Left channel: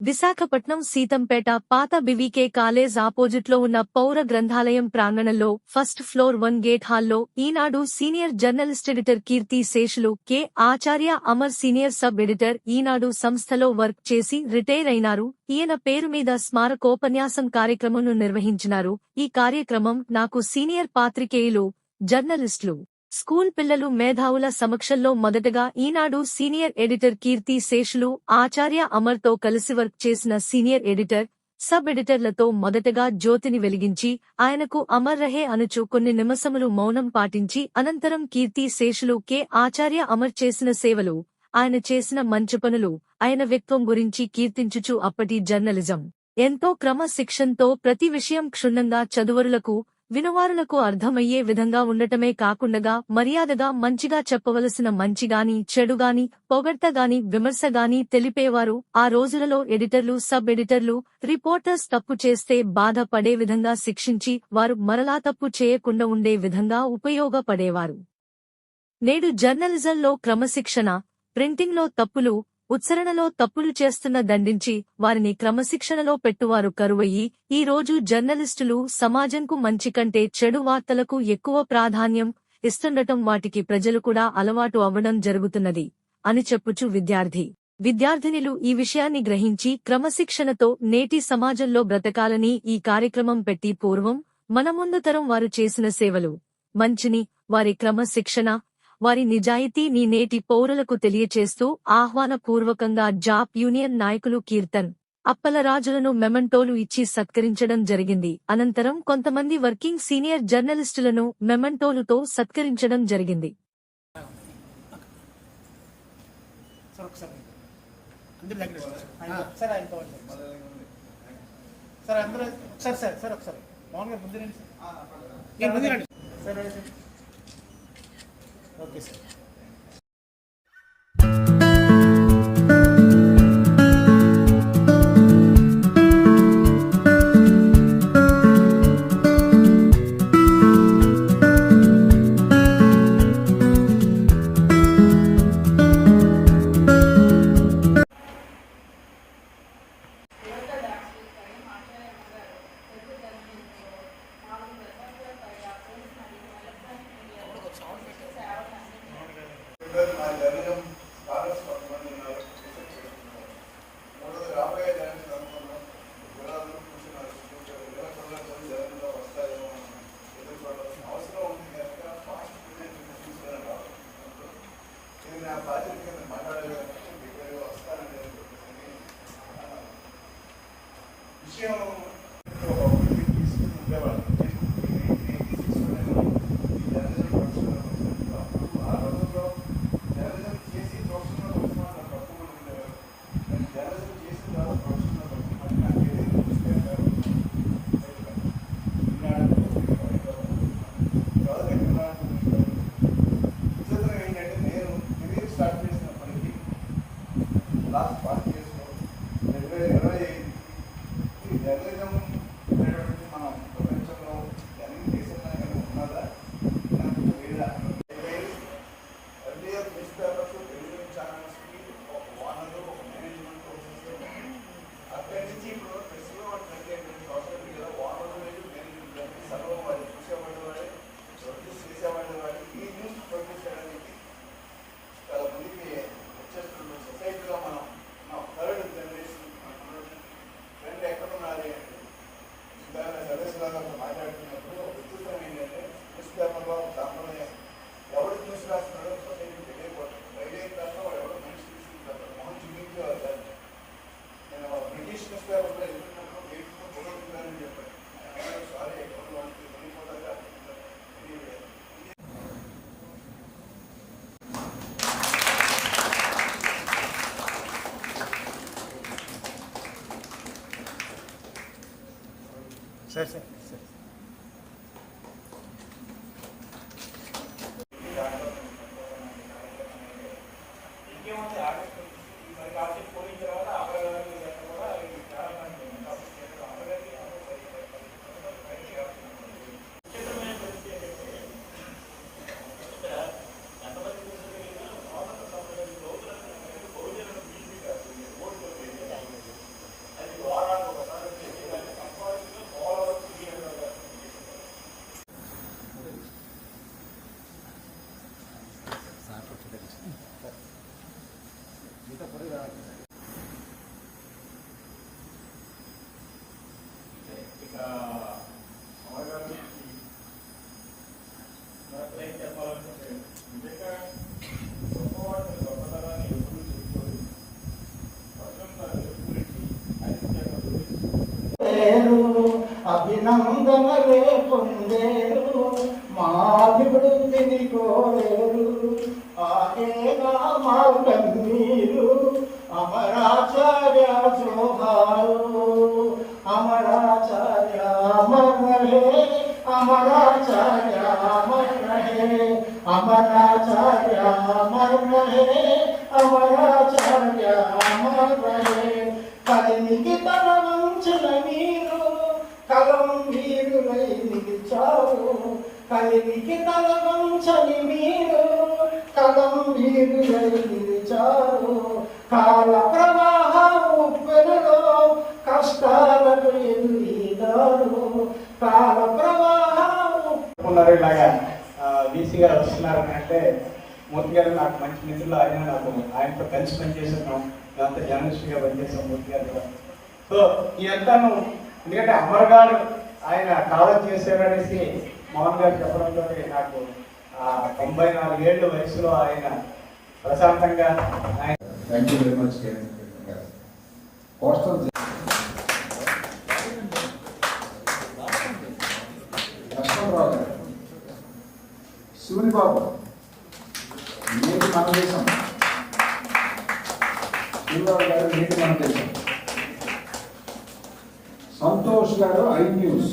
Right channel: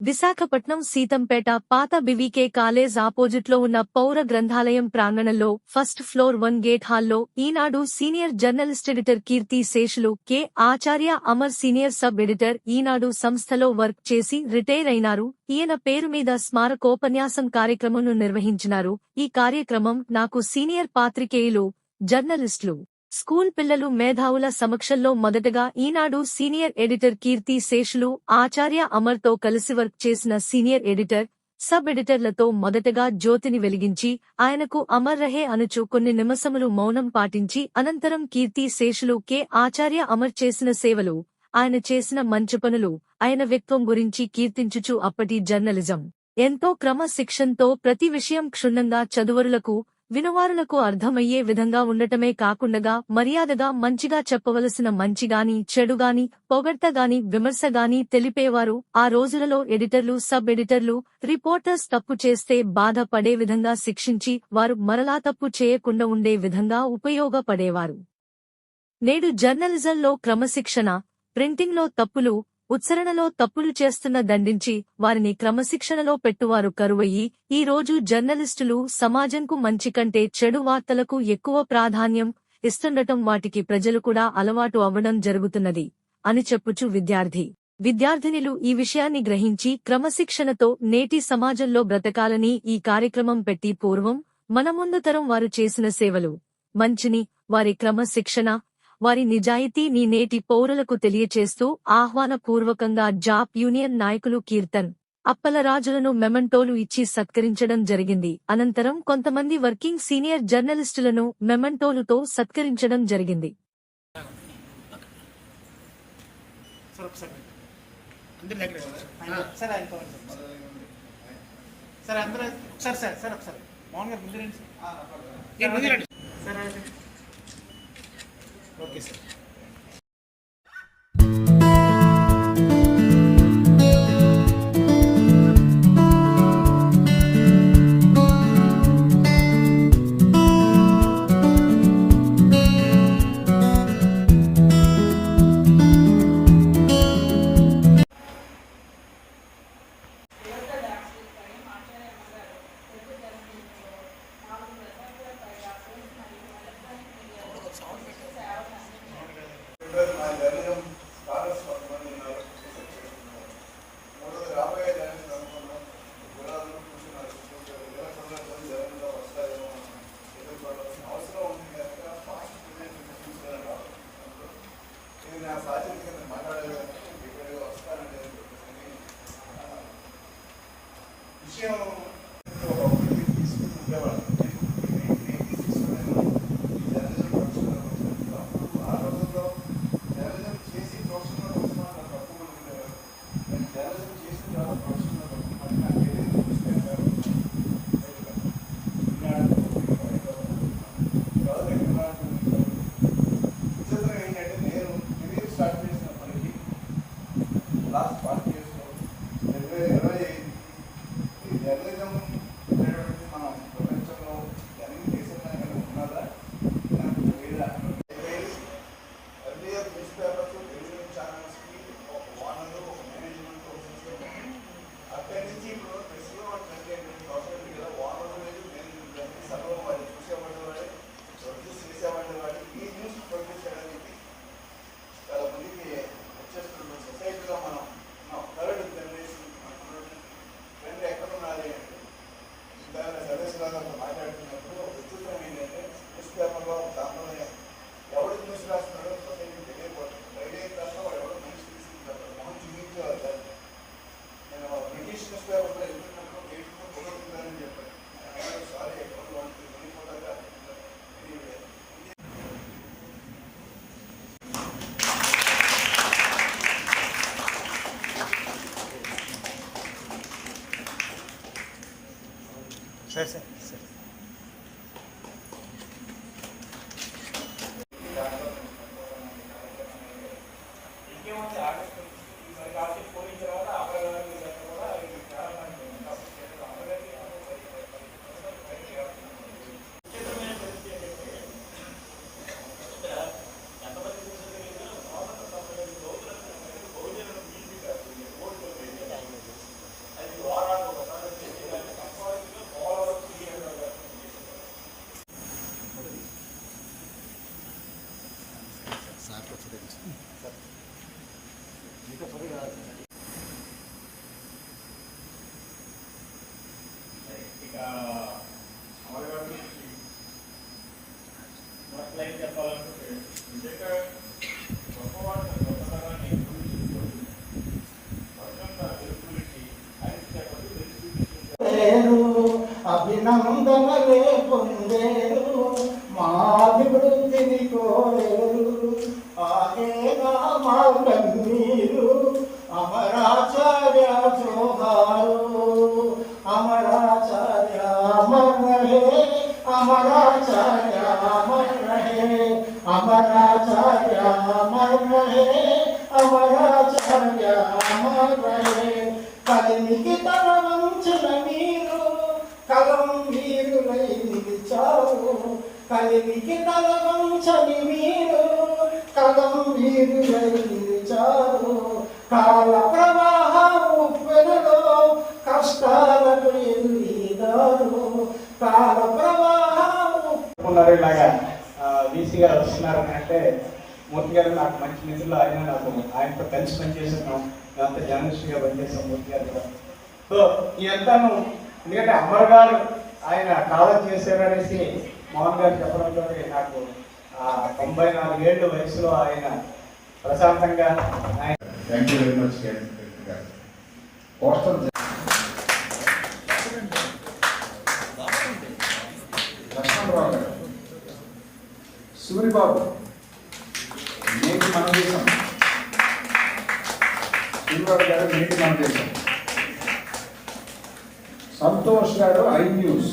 విశాఖపట్నం సీతంపేట పాత బివికే కాలేజ్ ఆపోజిట్లో ఉన్న పౌర గ్రంథాలయం ప్రాంగణంలో ఫస్ట్ ఫ్లోర్ వన్ గేట్ హాల్లో ఈనాడు సీనియర్ జర్నలిస్ట్ ఎడిటర్ కీర్తి శేషులు K. Acharya Amar senior sub editor Eenadu సంస్థలో వర్క్ చేసి రిటైర్ అయినారు. ఈయన పేరు మీద స్మారకోపన్యాసం కార్యక్రమంను నిర్వహించినారు. ఈ కార్యక్రమం నాకు సీనియర్ పాత్రికేయులు జర్నలిస్టులు స్కూల్ పిల్లలు మేధావుల సమక్షంలో మొదటగా ఈనాడు సీనియర్ ఎడిటర్ కీర్తి శేషులు ఆచార్య అమర్తో కలిసి వర్క్ చేసిన సీనియర్ ఎడిటర్ సబ్ ఎడిటర్లతో మొదటగా జ్యోతిని వెలిగించి ఆయనకు అమర్ రహే అనుచు కొన్ని నిమసములు మౌనం పాటించి అనంతరం కీర్తి శేషులు కె. ఆచార్య అమర్ చేసిన సేవలు ఆయన చేసిన మంచి పనులు ఆయన వ్యక్తం గురించి కీర్తించుచు అప్పటి జర్నలిజం. ఎంతో క్రమశిక్షణతో ప్రతి విషయం క్షుణ్ణంగా చదువరులకు వినవారులకు అర్థమయ్యే విధంగా ఉండటమే కాకుండగా మర్యాదగా మంచిగా చెప్పవలసిన మంచిగాని చెడుగాని పొగడ్తగాని విమర్శగాని తెలిపేవారు. ఆ రోజులలో ఎడిటర్లు సబ్ ఎడిటర్లు రిపోర్టర్స్ తప్పు చేస్తే బాధపడే విధంగా శిక్షించి వారు మరలా తప్పు చేయకుండా ఉండే విధంగా ఉపయోగపడేవారు. నేడు జర్నలిజంలో క్రమశిక్షణ ప్రింటింగ్లో తప్పులు ఉచ్చారణలో తప్పులు చేస్తున్న దండించి వారిని క్రమశిక్షణలో పెట్టువారు కరువయ్యి ఈ రోజు జర్నలిస్టులు సమాజంకు మంచి కంటే చెడు వార్తలకు ఎక్కువ ప్రాధాన్యం ఇస్తుండటం వాటికి ప్రజలు కూడా అలవాటు అవ్వడం జరుగుతున్నది అని చెప్పుచు విద్యార్థి. విద్యార్థినిలు ఈ విషయాన్ని గ్రహించి క్రమశిక్షణతో నేటి సమాజంలో బ్రతకాలని ఈ కార్యక్రమం పెట్టి పూర్వం మన ముందు తరం వారు చేసిన సేవలు. మంచిని వారి క్రమశిక్షణ వారి నిజాయితీని నేటి పౌరులకు తెలియచేస్తూ ఆహ్వానపూర్వకంగా జాప్ యూనియన్ నాయకులు కీర్తన్ అప్పలరాజులను మెమంటోలు ఇచ్చి సత్కరించడం జరిగింది. అనంతరం కొంతమంది వర్కింగ్ సీనియర్ జర్నలిస్టులను మెమంటోలుతో సత్కరించడం జరిగింది. సార్ ఒకసారి అందరు దగ్గర Yeah, but... సార్ సార్ అభినందనలే పొందేను. అమరాచార్య అమరాచార్య అమరహే అమరాచార్య అమరహే అమరాచార్య అమరహే కలికి తన వంచన మీరు కలం వీరులై నిలిచారు కలికి తల వంచని మీరు కలం వీరులై నిలిచారు కాల ప్రవాహ ఉప్పెనలో కష్టాలకు ఎదురీదారు ఇలాగా బీసీ గారు వస్తున్నారు అంటే మూర్తి గారు నాకు మంచి మిత్రులు ఆయన నాకు ఆయనతో కలిసి పనిచేస్తున్నాం దాంతో జర్నలిస్ట్గా పనిచేసాం మూర్తి గారు. సో ఇదంతాను ఎందుకంటే అమర్ గారు ఆయన కాలం చేశారనేసి మోహన్ గారు చెప్పడంతో నాకు ఆ తొంభై నాలుగేళ్ళ వయసులో ఆయన ప్రశాంతంగా ఆయన కోస్టల్ లక్ష్మణరావు గారు శివుని బాబు నేటి మన దేశం. సూరిబాబు గారు నేటి మన దేశం. సంతోష్ గారు ఐ న్యూస్.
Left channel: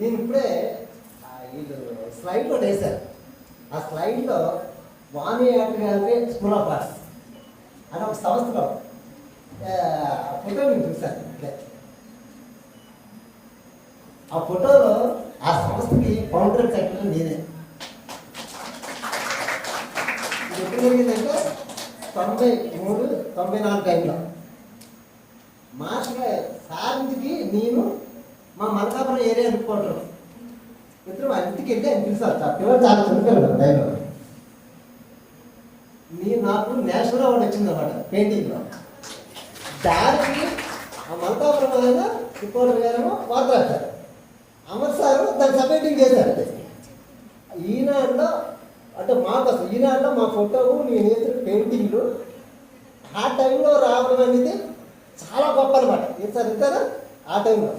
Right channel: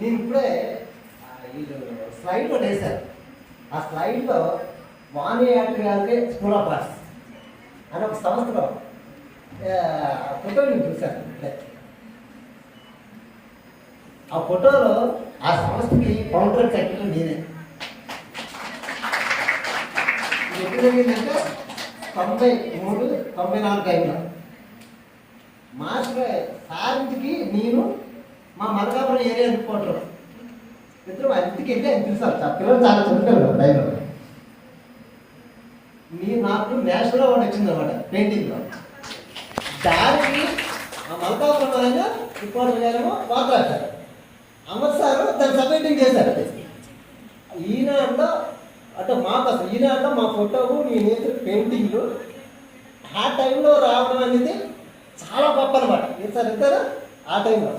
నేను ఇప్పుడే వీళ్ళు స్లైడ్ ఒకటి వేశారు ఆ స్లైడ్లో వాణి యాత్రికాలకే స్కూల్ ఆఫ్ ఆర్ట్స్ అని ఒక సంస్థలో ఫోటో నేను చూశాను. ఆ ఫోటోలో ఆ సంస్థకి ఫౌండర్ సెక్రటరీ నేనే. ఎప్పుడు జరిగిందంటే తొంభై మూడు తొంభై నాలుగు టైంలో మాస్టర్ సారింటికి నేను మా మలకాపురం ఏరియా రిపోర్టర్ ఇద్దరు ఇంటికి వెళ్ళి ఆయన పిలిచారు. పిల్లలు చాలా చనిపోయారు టైంలో నేను నాకు నేషనల్ అవార్డు వచ్చింది అనమాట పెయింటింగ్లో దానికి ఆ మలకాపురం ఆయన రిపోర్టర్ గారేమో వార్త రాశారు అమర్ సార్ దాన్ని సబ్మిటింగ్ చేశారు. ఈయన అంట అంటే మాకు ఈయన అంట మా ఫోటోలు నేను వేసిన పెయింటింగ్లు. ఆ టైంలో రావడం అనేది చాలా గొప్ప అనమాట ఏం సార్ ఎంతనా ఆ టైంలో.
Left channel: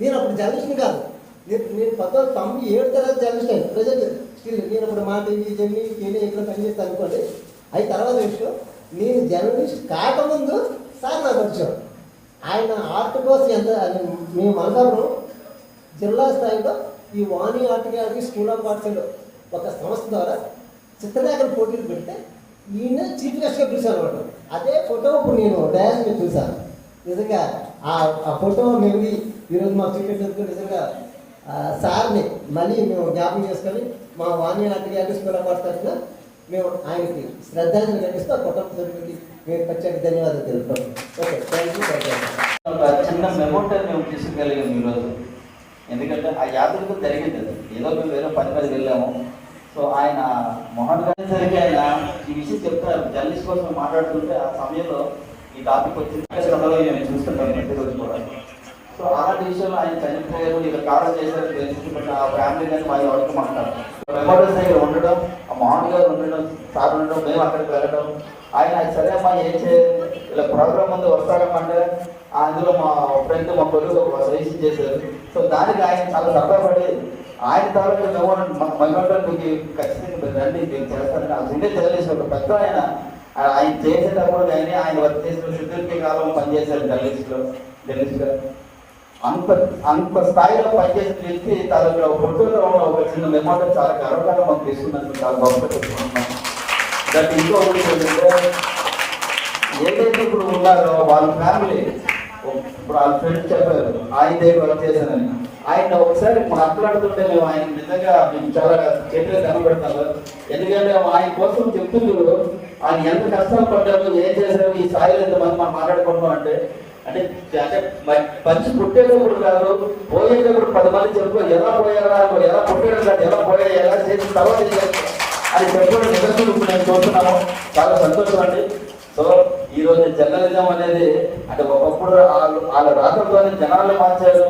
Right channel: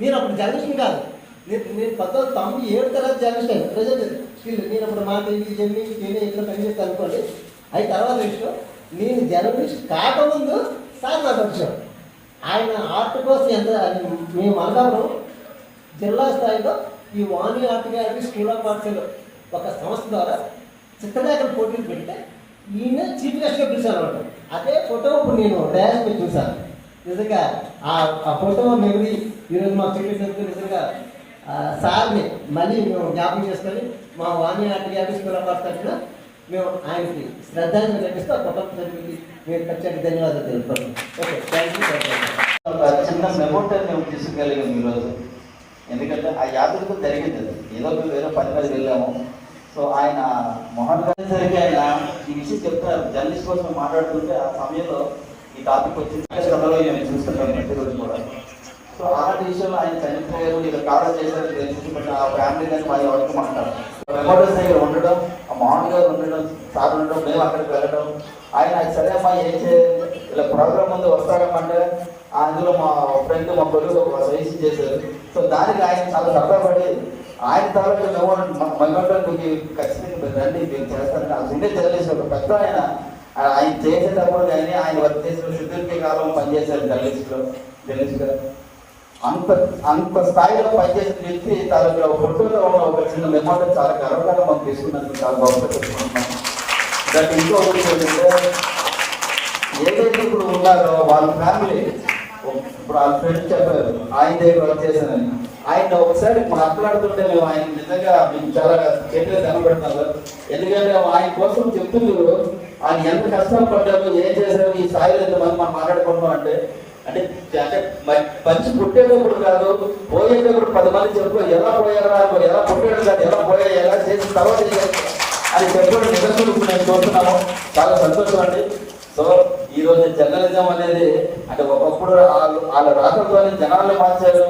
నేను అప్పుడు జర్నలిస్ట్ కాదు. నేను నేను పంతొమ్మిది తొంభై ఏడు తర్వాత జర్నలిస్ట్ అయ్యాను ప్రజెంట్ స్టిల్ నేను అప్పుడు మా టీవీ జమ్మి టీవీ ఇట్లా పనిచేస్తాను అనుకోండి అవి తర్వాత విషయం. నేను జర్నలిస్ట్ కాకముందు సార్ నాకు వచ్చాం ఆయన ఆర్ట్ కోసం ఎంత మేము మలకాపురం జిల్లా స్థాయిలో ఈ Vani art gallery school of ఆర్ట్స్లో ఒక సంస్థ ద్వారా చిత్రలేఖన పోటీలు పెడితే ఈయన చీఫ్ గెస్ట్గా పిలిచాను అనమాట అదే ఫోటో ఇప్పుడు నేను డ్యాన్స్ మీద చూశాను. నిజంగా ఆ ఫోటో మెమరీ ఈరోజు మా చీఫ్ నిజంగా సార్ని మళ్ళీ మేము జ్ఞాపకం చేసుకొని మా Vani art gallery school of arts తరఫున మేము ఆయనకి శ్రద్ధాంజలి ఘటిస్తూ ఆ కుటుంబ సభ్యులకి మేము ఖచ్చితంగా ధన్యవాదాలు తెలుపుతాం okay thank you thank you ఒక చిన్న మెమోటో మేము తీసుకెళ్ళాము ఈరోజు ఎందుకంటే ఆ యాత్రకు జరిగింది ఏదో మేము వేరే పని మీద వెళ్ళాము. సో ఆయన మొహన్ గారి ఆయన ఈ విషయం చెప్తారు. జర్నలిస్ట్ కోసం మాట్లాడుతుంటే ఆ సమయంలో ఈ టాపిక్ వచ్చింది. కథలో నేను చూస్తున్నాను నెట్ కూడా. సో ఆ విషయంలో ఆయన చనిపోయారు. నేను కాలం చేశారు తెలుసుకుంటే ఆ ఫ్యామిలీ కానీ మా వరకు మాట్లాడారు ఉండడం ఆ మోహన్ గారు ఉండడం సార్ ఉండడం మేము అక్కడికి వెళ్ళడం. ఆయన సరే అమ్మా ఏం చేయాలి? ఇలా ప్రోగ్రామ్ ముందు వస్తాడమ్మంటే అందులో మా ఫ్రెండ్ మా కొడుకు సజెషన్ చేశారు. సో దానికి ఆయన చాలా సరదాపడి ఆయన తాలూకు మెమోటోకి మీకు ఖచ్చితంగా మీరు రండి మీరు చేస్తారు ఆ చిన్న జర్నలిస్ట్ ఒక పెద్ద ఆయన ఆయన ఆయన చేసేటప్పుడు కానీ ఆయన వర్క్ చేసిన శుద్ధులకి కాలంలో పనిచేశారు జర్నలిస్ట్లో జర్నలిస్ట్గా అంత అంత స్థాయిలో పనిచేసిన వ్యక్తి తాలూకు ఫోటోలో ఒక చిన్న మెమోటో చాలా గర్వంగా మనం తీసుకున్నందుకు చాలా బాగుంటుంది నాకు ఇంకో ఏదైతే ఇప్పుడు ఉన్నారో వాళ్ళ ఫ్యామిలీ ఇప్పుడు వాళ్ళ ఫ్రెండ్ చెప్పలేదు. ఆయన దగ్గర వర్క్ చేశానని. ఆయన ఒకసారి మాట్లాడుతుంటే మేము ఆయన నిజంగా మీకు చాలా గట్టిగా కనబడుతున్నారు. ఎందుకంటే ఆయన కోసం చెప్తున్నారు ఆయన ఎంత కష్టాలు పడ్డారు ఏం చేశారు ఈ స్థాయిలో ఎంత మంది మనం మాట్లాడుకుంటాం అంటే అంటే అంటే మంచి పుట్టేటప్పుడు కాదు పోయేటప్పుడు పది మంది చెప్పు ఎలా పోయారా ఎలా పుట్టారు కాదు ఎలా పోయా ఎలా చేసిన తర్వాత చేయాలి అని చెప్పడం నిజంగా నేను చూస్తున్నాము. చాలా సంతోషం అండి సో ఈ రోజు జర్నలిజం అనేది అంటే ఒకప్పుడు వాళ్ళు వాళ్ళ రాకతో జనాలు మార్చారు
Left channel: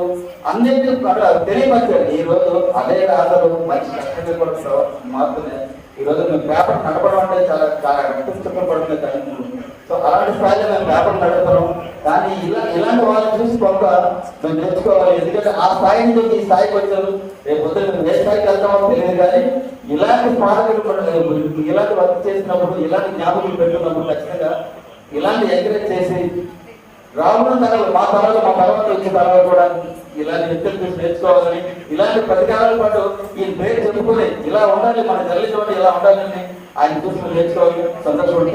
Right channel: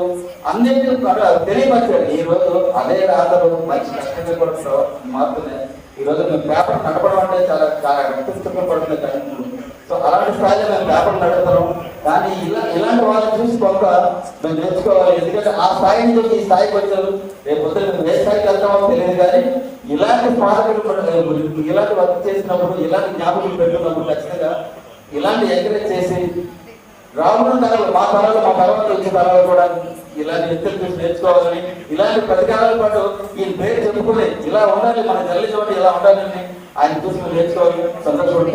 అన్నింటి అట్లా తెలియమర్చారు ఈ రోజు అదే మంచి కష్టంగా కూడా మాత్రమే ఈ రోజు మేము పేపర్ నడపడం అంటే చాలా చాలా పుస్తకం పడుతుంది సో అలాంటి స్థాయిలో మేము పేపర్ నడుపుతాం కానీ కానీ ఇలా ఇలాంటి వాళ్ళని చూసి కొంత మేము తెలుసుకోవాలి. ఎందుకంటే ఆ స్థాయి నుంచి ఈ స్థాయికి వచ్చారు. రేపు పొద్దున్న ఏ స్థాయికి వెళ్తామో తెలియదు కానీ ఇలాంటి స్మారకాలు కూడా లేదు ఇలాంటి వర్క్ చేసినప్పుడు ఇలాంటి జ్ఞాపకాలు పెట్టుకున్నప్పుడు ఖచ్చితంగా ఇలాంటి ఎంకరేజ్ చేసి రానున్న తరాలు మా తరాలు మా తర్వాత వచ్చే తరాలు కూడా ఇలా వ్యక్తులు చూసి తెచ్చుకోవాలని ఇలాంటి ప్రతికారాల పాటు ఈ పేరు చెప్పుకొని ఇలా ఉండాలి మన తల్లి చోటు ఇలా ఉండాలని ఆయన చూసుకుని తెచ్చుకోవాలి సంతోషపడి